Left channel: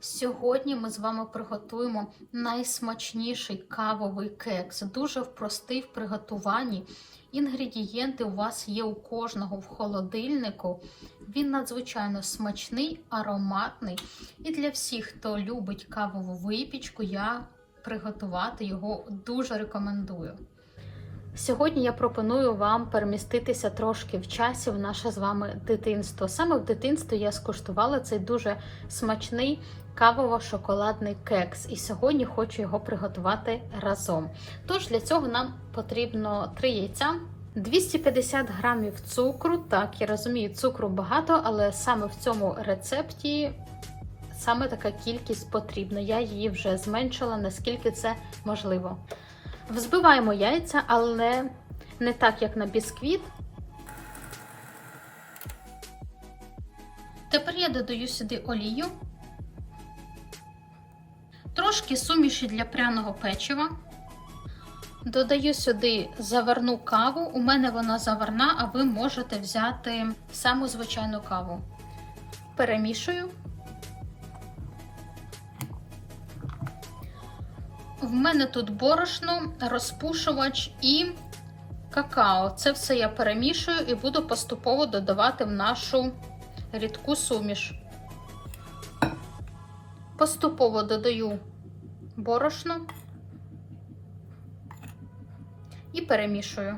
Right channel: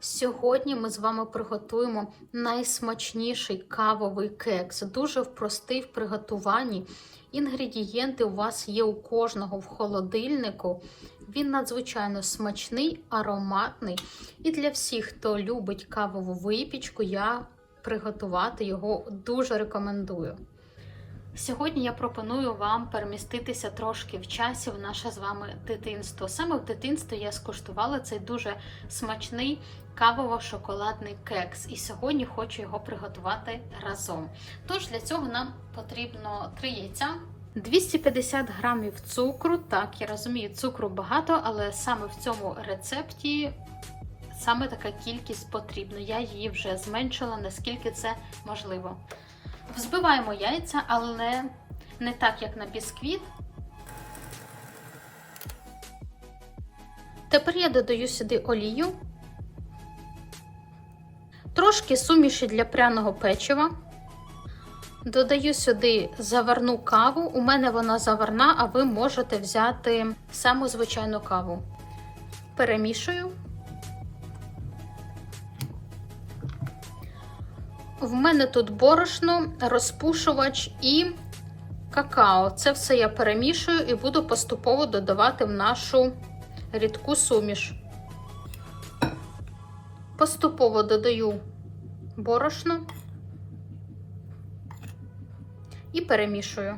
Сьогодні ми з вами приготуємо найсмачніший кавовий кекс. Дуже простий в приготуванні. Інгредієнти у вас є у кожного в холодильнику. Він надзвичайно смачний, ароматний. І для всіх, хто любить кавову випічку, я приготувати його дуже рекомендую. Сьогодні я пропоную вам переміститися трошки в часі в наше з вами дитинство. Саме в дитинстві я скуштувала цей дуже смачний кавово-шоколадний кекс, і сьогодні хочу його приготувати разом. Тож для цього нам потрібно 3 яйця. 250 грамів цукру. Так, я розумію, цукру багато, але саме в цьому рецепті саме така кількість потрібна. Я її вже зменшила, наскільки це можливо. Взбиваємо яйця, але не так, як на бісквіт. Тепер я додаю сюди олію, трошки суміші для пряного печива. Додаю сюди заварну каву. У мене вона заварна, а ви можете взяти саму звичайну каву. Перемішую. В мене тут борошно, розпушувач і какао. Це все я перемішую і буду поступово додавати в нашу рідку суміш. Поступово додаю борошно і перемішую.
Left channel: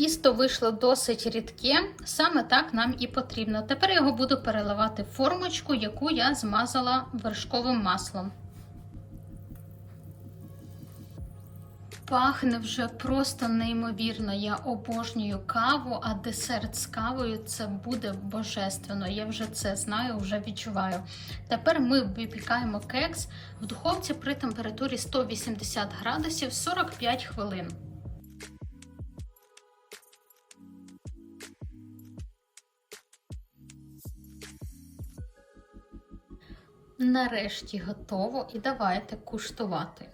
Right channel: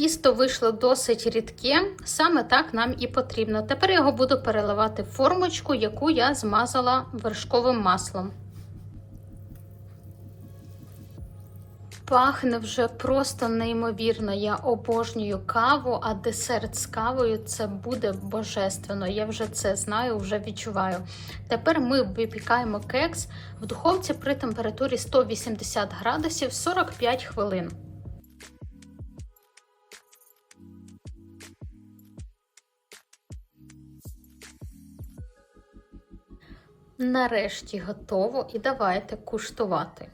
Тісто вийшло досить рідке, саме так нам і потрібно. Тепер його буду переливати в формочку, яку я змазала вершковим маслом. Пахне вже просто неймовірно. Я обожнюю каву, а десерт з кавою це буде божественно. Я вже це знаю, вже відчуваю. Тепер ми випікаємо кекс в духовці при температурі 180 градусів 45 хвилин. Нарешті готово і давайте куштувати.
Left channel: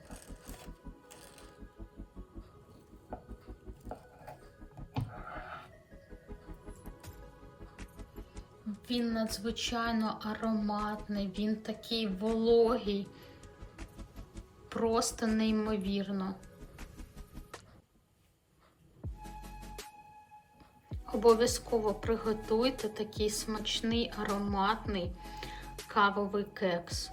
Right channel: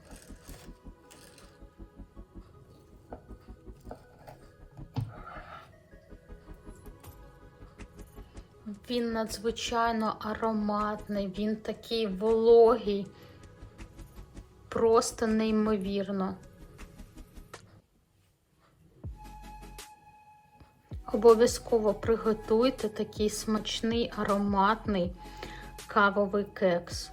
Він надзвичайно ароматний, він такий вологий, просто неймовірно. Обов'язково приготуйте такий смачний ароматний кавовий кекс.